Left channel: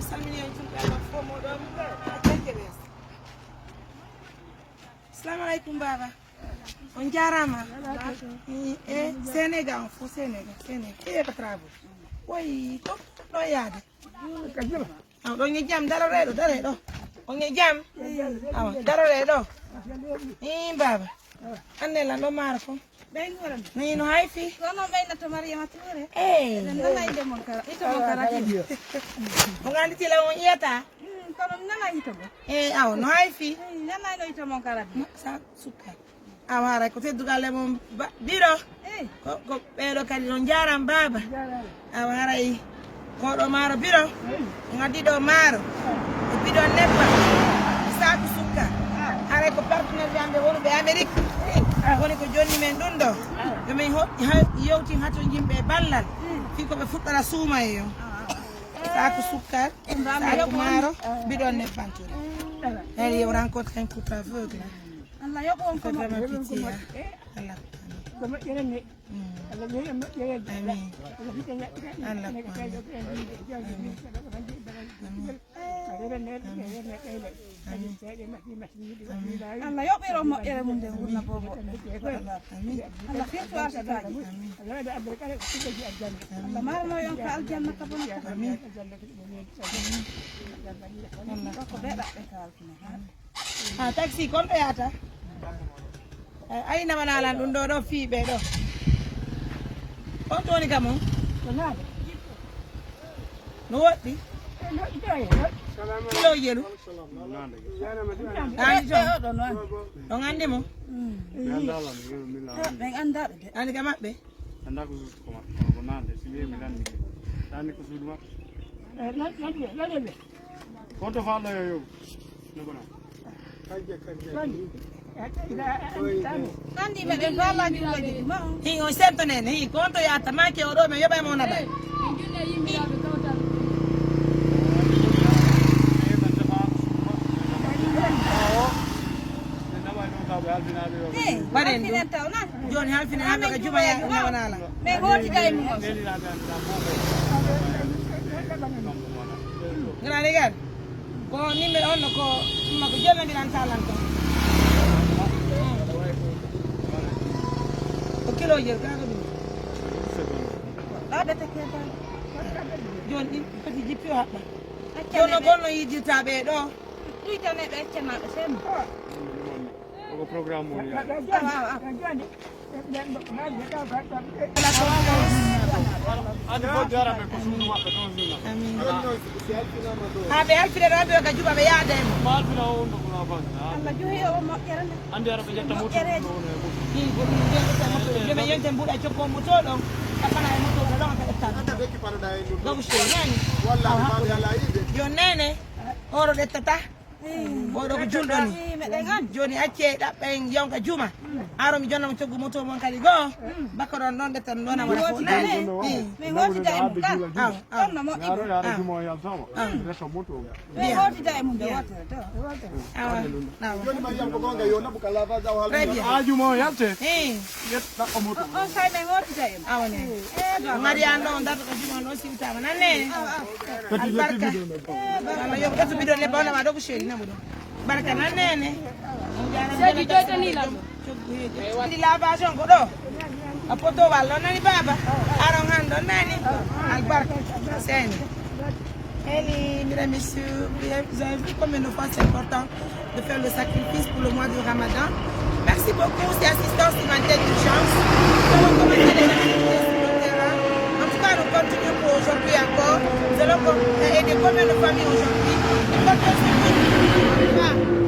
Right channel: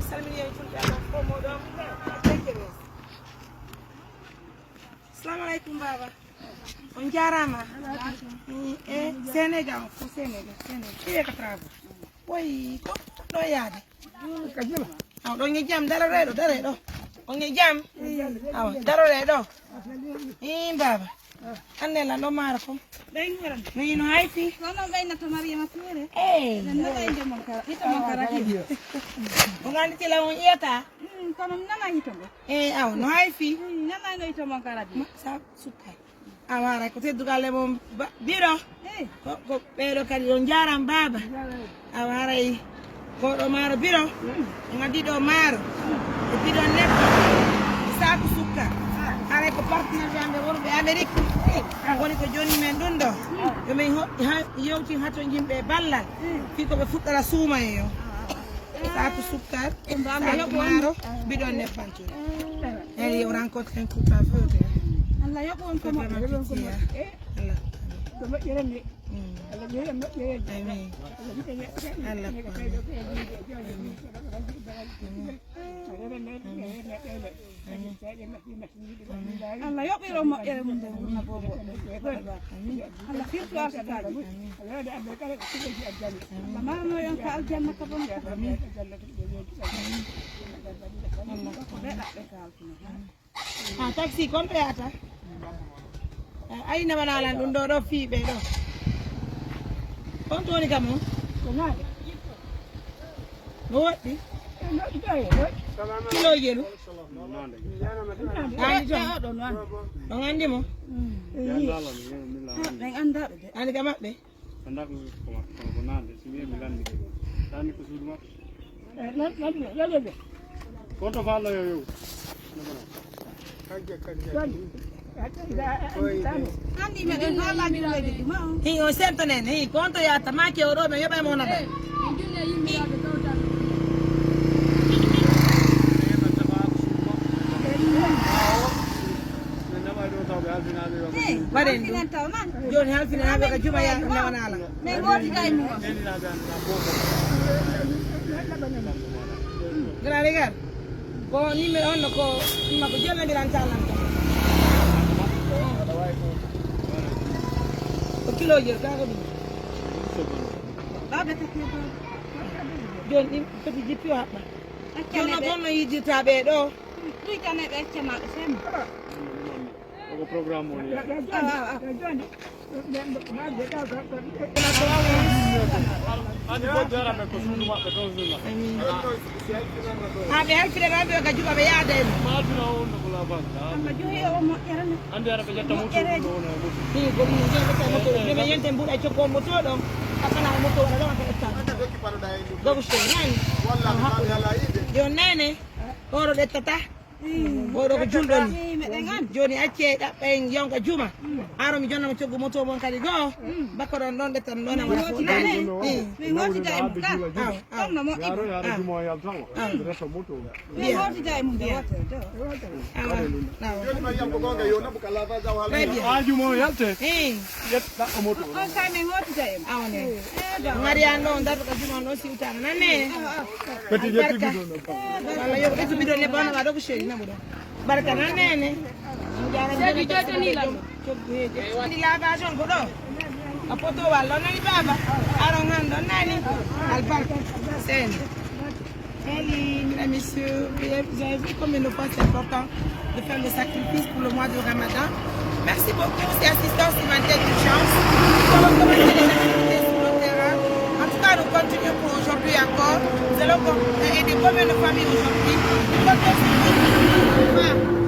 Assalamu alaikum baba. On jarama. Sénégal, Sénégal. Kii ka trabo. Boy, ko do yaade. Aw do ngi jam dara redo. On ngi jam. Aw dara redo. Baba. Anne la no mara ko. Ni no hay fi. Kono gaina to Mariama Touré. Nala inde mon kara. Ito mon kara ki. Mo ngandi ti la won yeta. Kono nala ito be. Aw no hay fi. Nala no ito mon kara di. Sa suka. Awara ko te dugale mom biro. Ko pero kali on jaram baba. Awara yi. Ko do maro biro. Ngadi do maro. E bido lebba. Sa suka. Are ko partner yande wonu be Amerique. Woni ko joni men ɗon ɗo yomin yewti hato yimɓe ballal fi ko ɓe fuɗɗata suuma e yo saku sukkar saku maaro bidon nebbantude hen yo rencontre un tout en feu Allah yoɓo on ko Allah ko moƴƴere ni Allah yeeya moƴƴere amin Allah Allah yoɓiro moƴƴere mum nde wurna bobo Allah firtu arsataji Allah marno yon ka aljanna ka bon Allah ko beɗaɓe kalkino taxi kon ɗo yata ayna wanalan ɗum ɗo fiiɓe ɗo on toni kam on no woɗɗi kilo jelu andi jo on andi mo ɓen andaɓe de andi ka maɓɓe konto falla yo andi meɗen balladinoɓe ma hi on semtanen hi konto yata make o ɗo mi yoɓamo onaɗa waɗen ɗum joni halfina haɓe ka juma nawanala ɓe goti kay mum ganani gan ko nimmi on ko ko jonnadiran talan ko kilo jel kaga ɗum ɗaɓe teke joni ɗin foti jippi haɓɓa joni gonno yiddirtaɓe ɗo ɗijaneɓe accanaɓe semo ko programme on haɓe helfide ɗo ɓe ka juɓa ɓe yaada e mum Allah joyi o moƴƴere joni yenten mbuɗa cokko moto ɗo kaɓana e moto waɗa ɗon ka ettan gogo so nani joni nene oɗo ɗettata oɗo ko julɗo ni joni acce ɗaɓɓen yonka juma haro mi jonnama coggu moto mon kadi goo bakko ɗon ɗon ɗetten ɗonama foɗani min hotida e mum ɗa ɗonno moƴƴi min hotida e mum nde wotere jumo yalte yetta o moto on say min hotida e mum awne gari an ɗo darto ko juma ɗo siwtama nanne albarka walla yo ɓeto bidon ne banama ɗo ko seri namu ɗo barka nannene sedi jotanila waɗi lavation ko ɗo a poto wallo nani baba aron han ɗon nani albarka seni mesdames, messieurs, vous avez vu comme une fois c'est important de faire le sacrifice pour le mois de Ramadan. Merci beaucoup, c'est assistance humanitaire d'urgence. Nous allons commencer les activités sur le terrain. En tout cas, nous continuons pour aujourd'hui encore. Nous allons aider combien de familles aujourd'hui.